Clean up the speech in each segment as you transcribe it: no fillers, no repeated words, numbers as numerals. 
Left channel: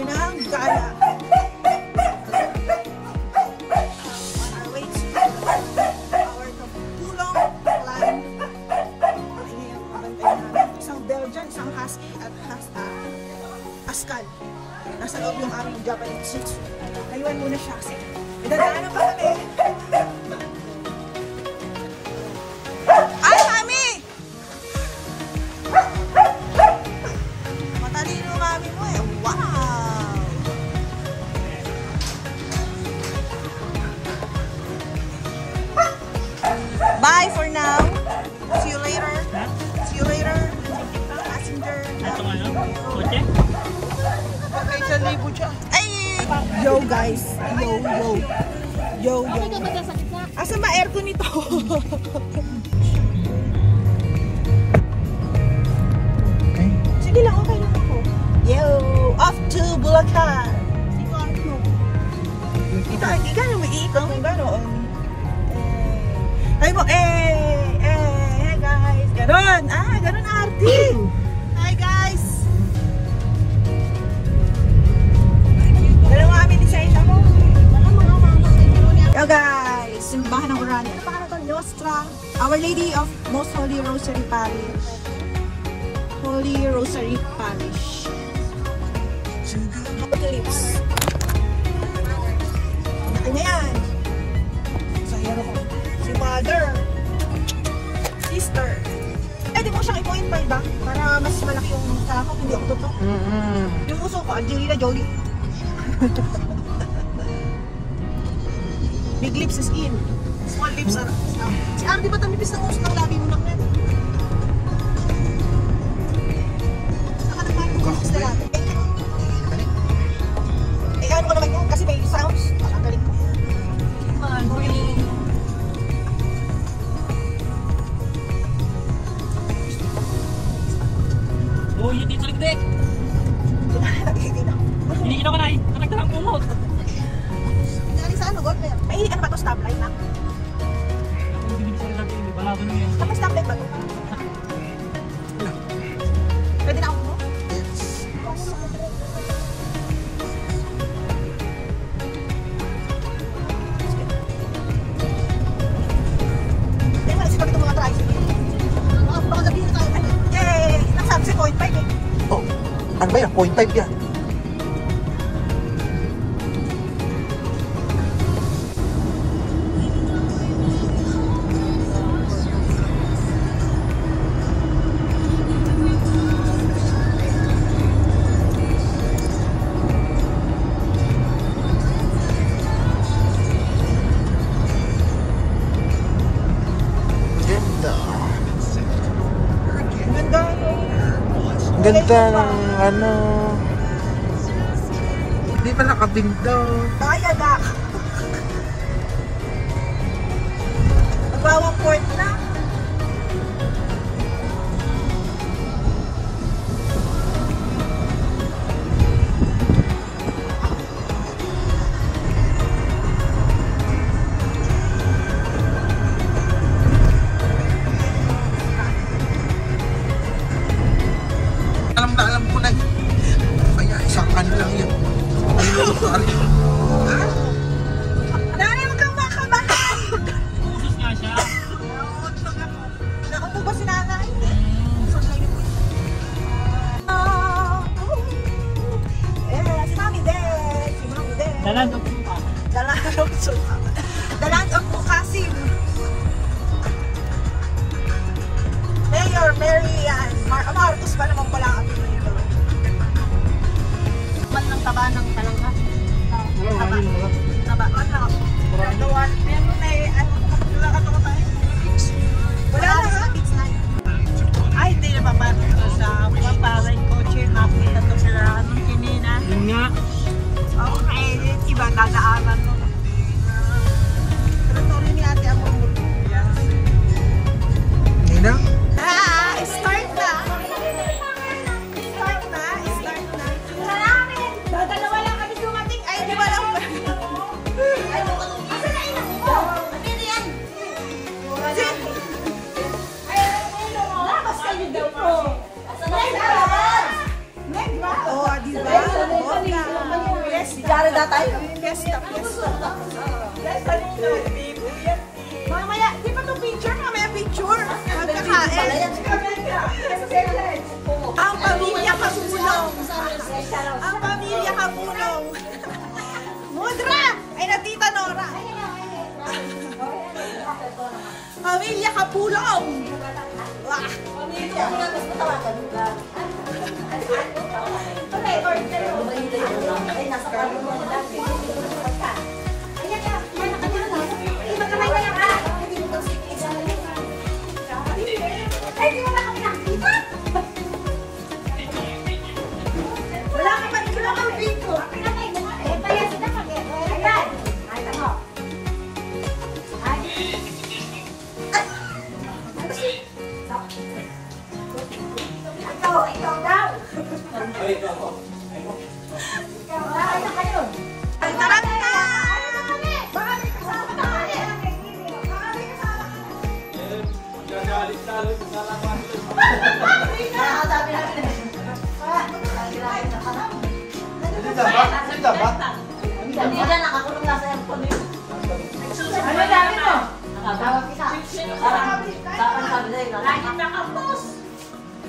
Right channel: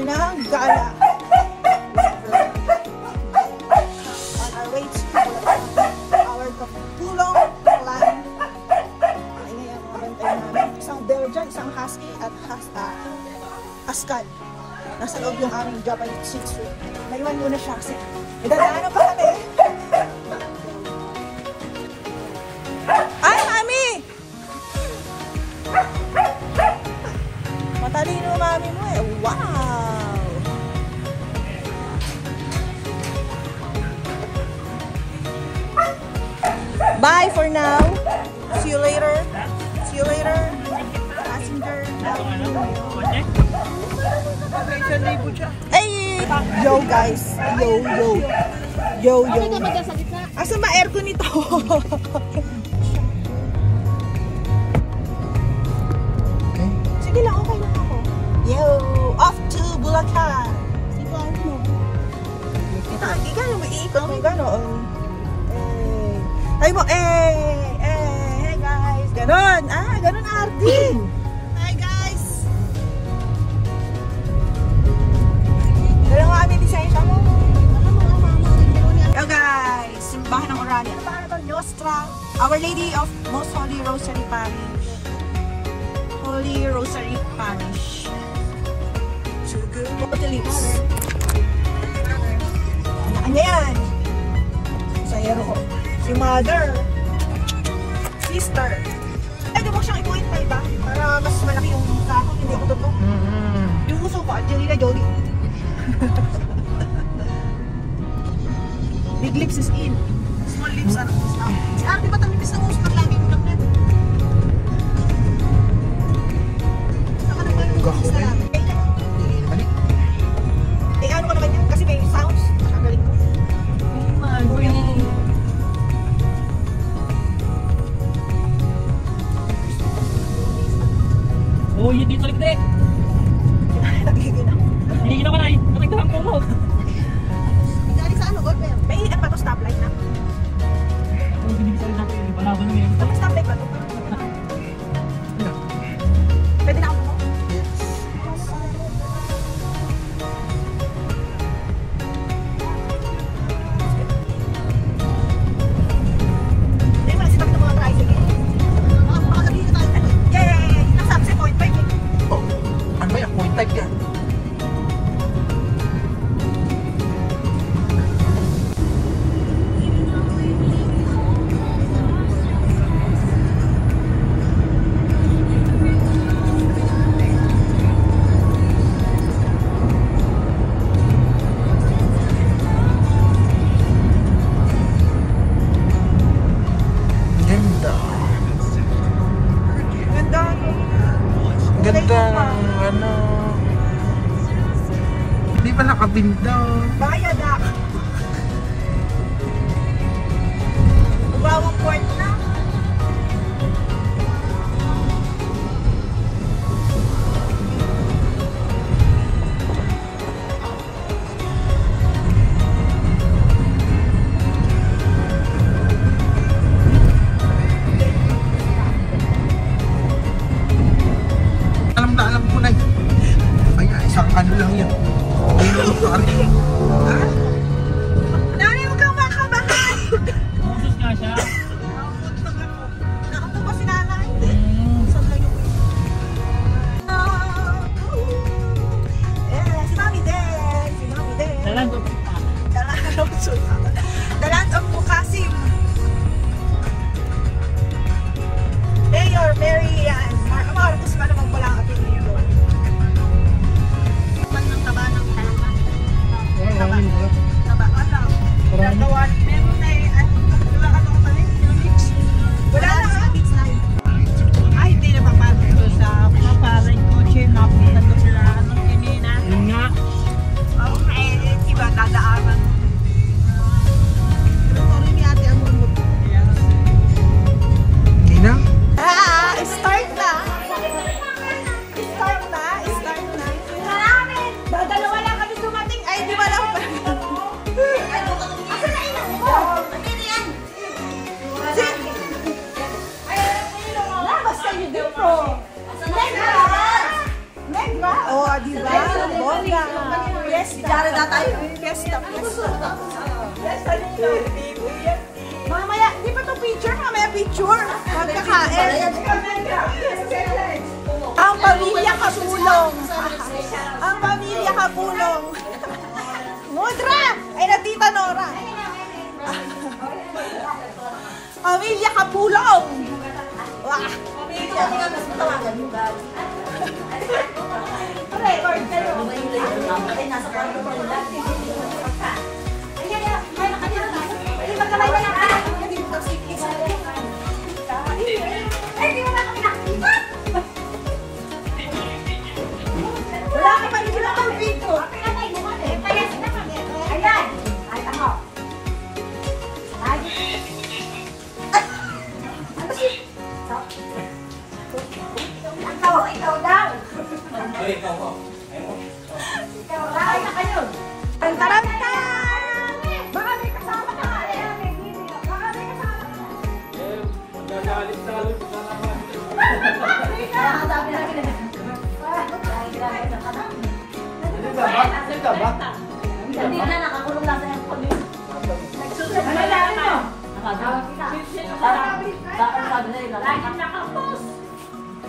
tayo ng gala. On our way to our Kapulong Plan. Ayan, naman namin. Isang Belgian, isang Husky at Askal. Nasa loob yung aming Japanese Shih Tzu. Naiwan muna siya kasi may dadaanan pa kami. Ay, mami! Matalino mami mo eh. Wow! Bye for now. See you later. See you later. Passenger. Ay! Yo guys. Yo. Asa ba aircon nito? Sige lang, okay lang ako. Yo! Off to Bulacan! Ika na may iikot ng gano'n. Ay mo, hey guys! Ganon! Ganon arty! Hi guys! Ganon mo kami design mo. Yo guys! Simbahan ng Urania. Ano pa ito? Nostra. Our Lady of Most Holy Rosary Parish. Holy Rosary Parish. Ano yan? Sayero ko. Si Mother. Sister. Pwede mo siyang i-point ba? Para mas malaki yung mukha ko. Hindi ako totoo. Yung uso ko, Angelina Jolie. Big lips is it. Small lips are lang. Si Ano, di ba tamipis ng uso ng lagi mo lang yan? Saka naman yung lips na lang. Ano ko naman yan? Kasi may sounds. Nakagaling po. Oh, yun din sa likod eh. Hindi ka naman ay. Nakagdalang pumot. Galing sa ano, Gordon? May ano ba ito? Stoplight na? Kung hindi bisa ko sabi, palagan mo yan. Ano stoplight ba ito? Pwede na ako po? Ano ba yan? Point type yan. Ganda ng ano. Hindi pa nakabinda. Bayo na. Nagbawang port na. Alam ko na. Kaya isang ano lang yan. Dali mo kang makabahan. Usos nga siya. Nakupo ba si nanay? Si Mami din. Si Mami din. Dalan to pa. Dalan of Mukasim. Mayor Mary Ann Marcos pa naman pala kami dito. Man ng taba ng talaga. Taba. Meron na eh. Wala na. Ay, hindi na papasok ko sa paparay kotse na punta ko sa kanina. Yun nga. Okay, iba dadaanan mo. Pero ni ate ang mundo. Hindi na? Start na. Dadalawa lang kami dumating. Ay, di ba lang ba? Asa na ilang mo? Ano yan? Labas kayo dito. Negra! Negra? Oh, di ba? bongga. Fiesta. Fiesta. Mamaya, di ba ito picture? Mamaya picture. Magkakain. Ang pamilya Kapulong. Ang pamilya Kapulong. Mudra! Ay, na Tita Nora. Pamilya Kapulong. Wah! Pamilya Kapulong. Record kayo. Ay, nasa kami ko lang. Ayan, ayan. Ay, magkamay na lang. Ay, di mo na kami nakikita. Wala ka pa rin sila kang video. Pinatay mo nga eh. Kaya sinasakit. Ayan. Ay, tamo. Ay. Ano si? Ikaw daw. Ay, ikaw. Ikaw daw. Ay, na kayo. Ay, marami na. Marami kasama ka. Marami kasama ka. Magagalit-galit. Magkalaman. Sabi natin na. Hindi na, nakakulong lang sa aircon yun. Nagsusunod na naman. Nakatawag kita. Bakit sabi na yun? Laging nakapos.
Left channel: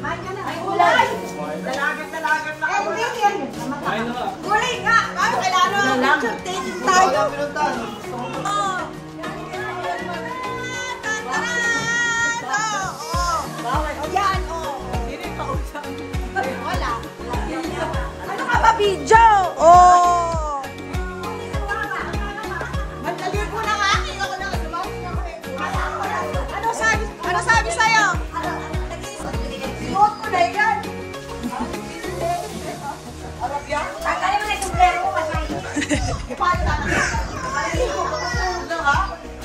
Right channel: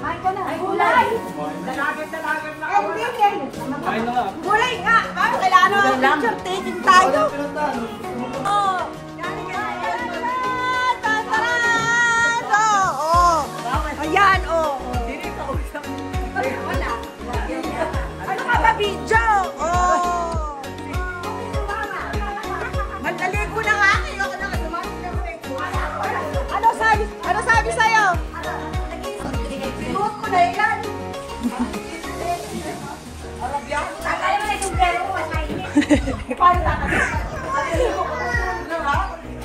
Kain ka na. Ay, gulay. Dalagan na kawan. Kain na lang. Gulay nga. Bakit kailangan na picture taking tayo? Oo. Ayan, oo. Wala. Ano ka ba, video? Oh! Magdaligo na nga. Ano sabi sa'yo? Sinuot mo na yan. Paano na?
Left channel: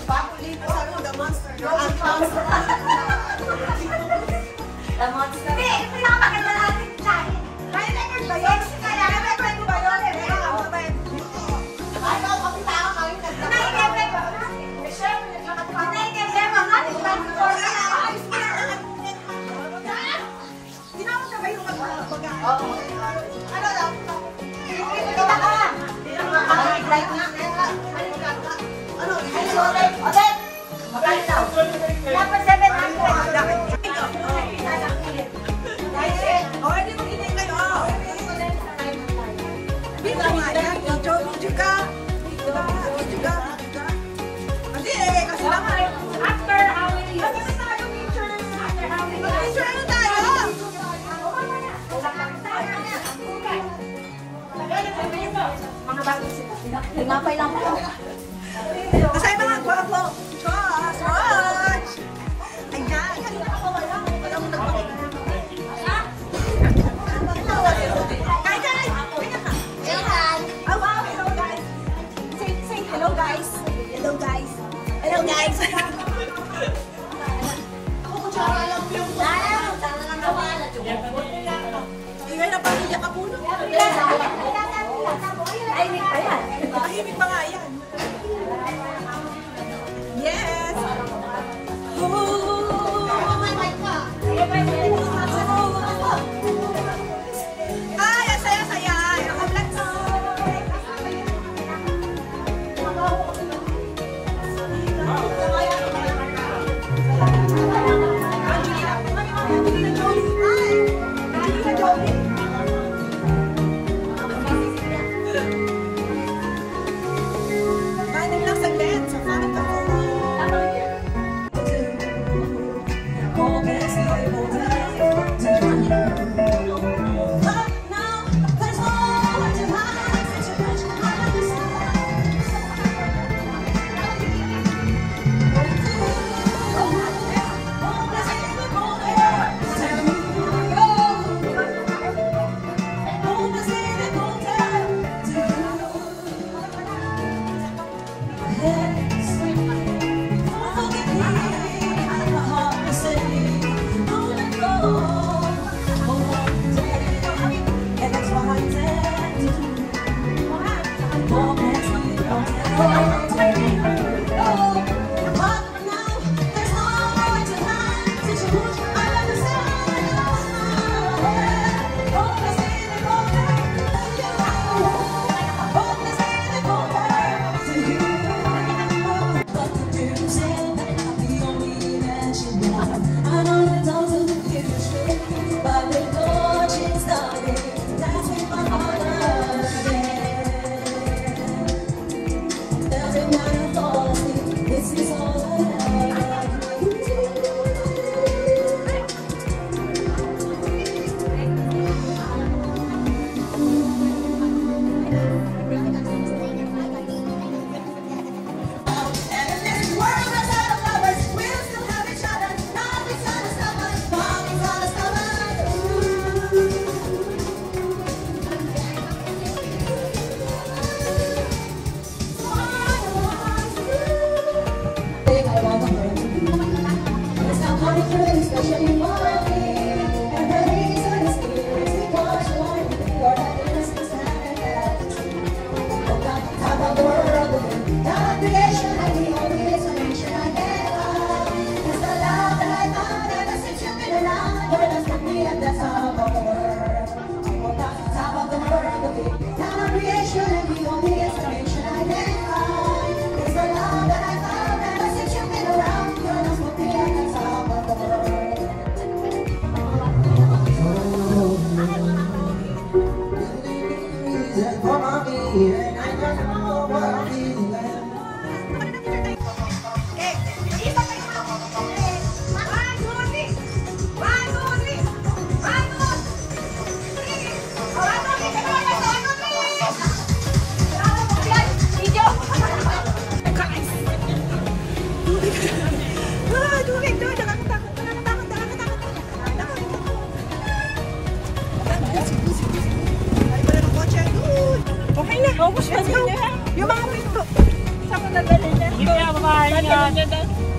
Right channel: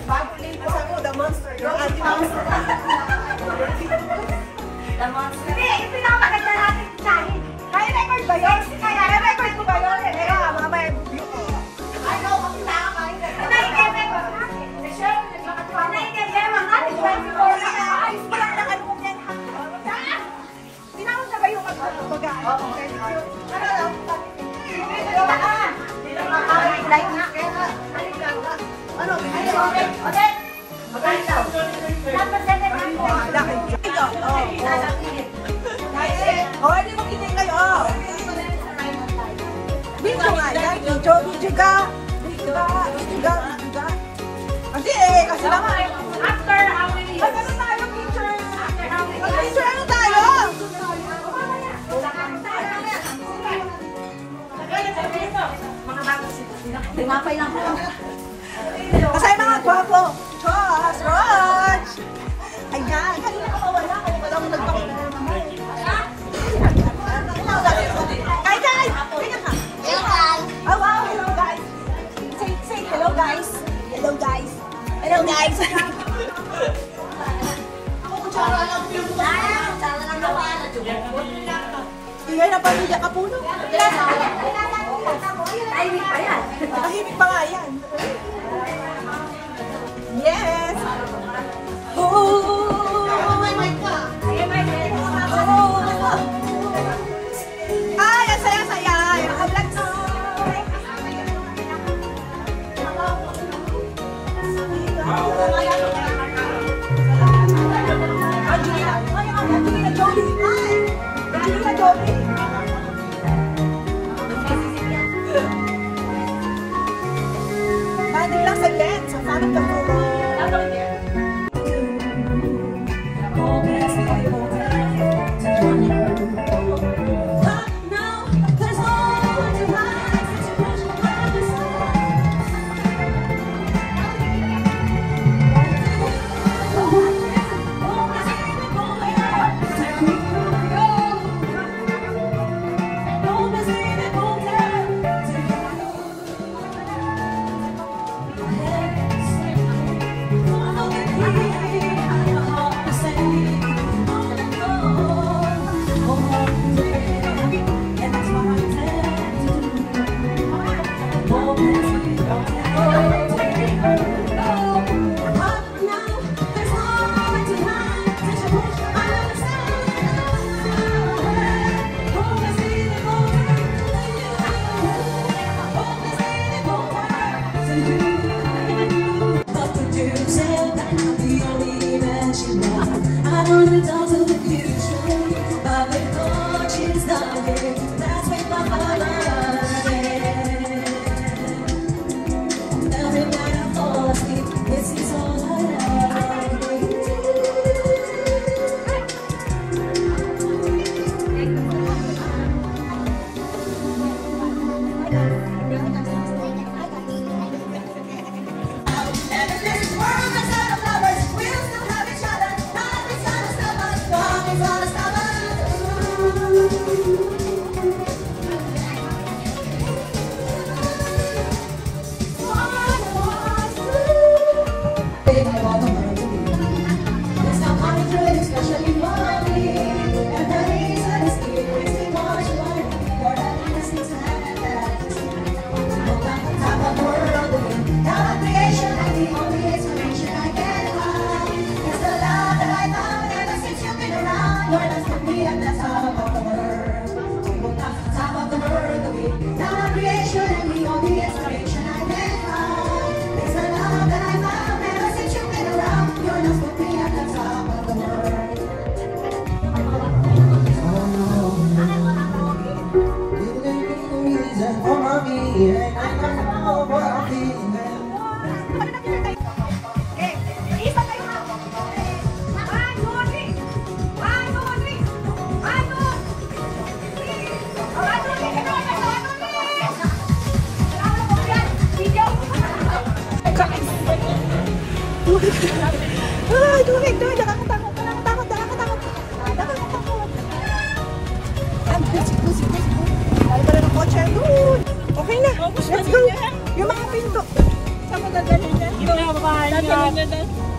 Bago ligo sa mo, the monster. You're a monster. The monster. Hindi, pinapakita natin dahil. Kaya record ba yun? Kaya record mo ba yun? Kaya mamaya. Ano, makita ka kayo. Pinay-game mo natin. Pinay-game mo natin. Ayos mo lang lang mo yan. Tinawag na ba yung mag-bagaan? Oo. Ano lang? Kita ka. Like na. Ano? Odet! Magkain daw. Dapat 700. Oh, ano mag-inay kayo? Dito nga yan. Video ka. Kasi kasi lang. After how many years? Magkano tayo picture? Mag-picture ano tayo? Limapay lang po. Kasi mga gwapo. George! Ayan. Kanina ka pa wala. Walang nagpakita. Hi guys! Hello guys! Oh wow! Hello guys! Say hello guys! Hello guys! Hello guys! Tingay na pamilya Kapulong. Tahimik pa nga yan. Yes! Ay, ang saya-saya. Naka-vlog na. Angelina Jolie. Angelina Jolie. Maning lang sa lens. Sana ka po.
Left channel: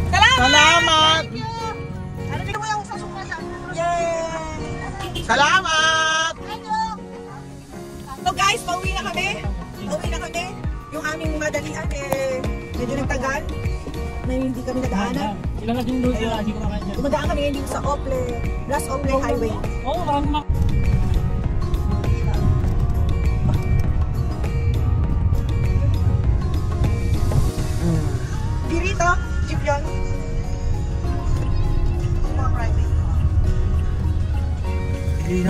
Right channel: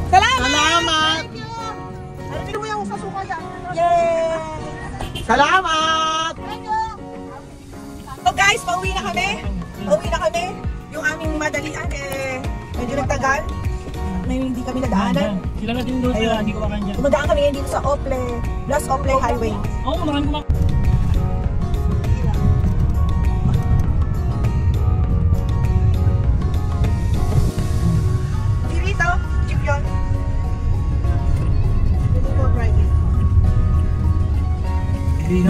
Salamat! Salamat! So guys, pauwi na kami. Pauwi na kami. Yung aming madalian medyo nagtagal. Hindi kami nadaanan. Sila na din doon. Hindi ko makain dyan. Dumadaan kami ngayon dito sa Ople, Blas Ople Highway. Oo, maraming Pirito, jeep yan. Hindi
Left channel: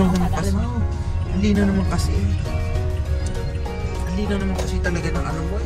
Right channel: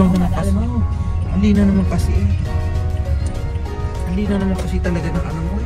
na naman kasi talaga ng ano mo.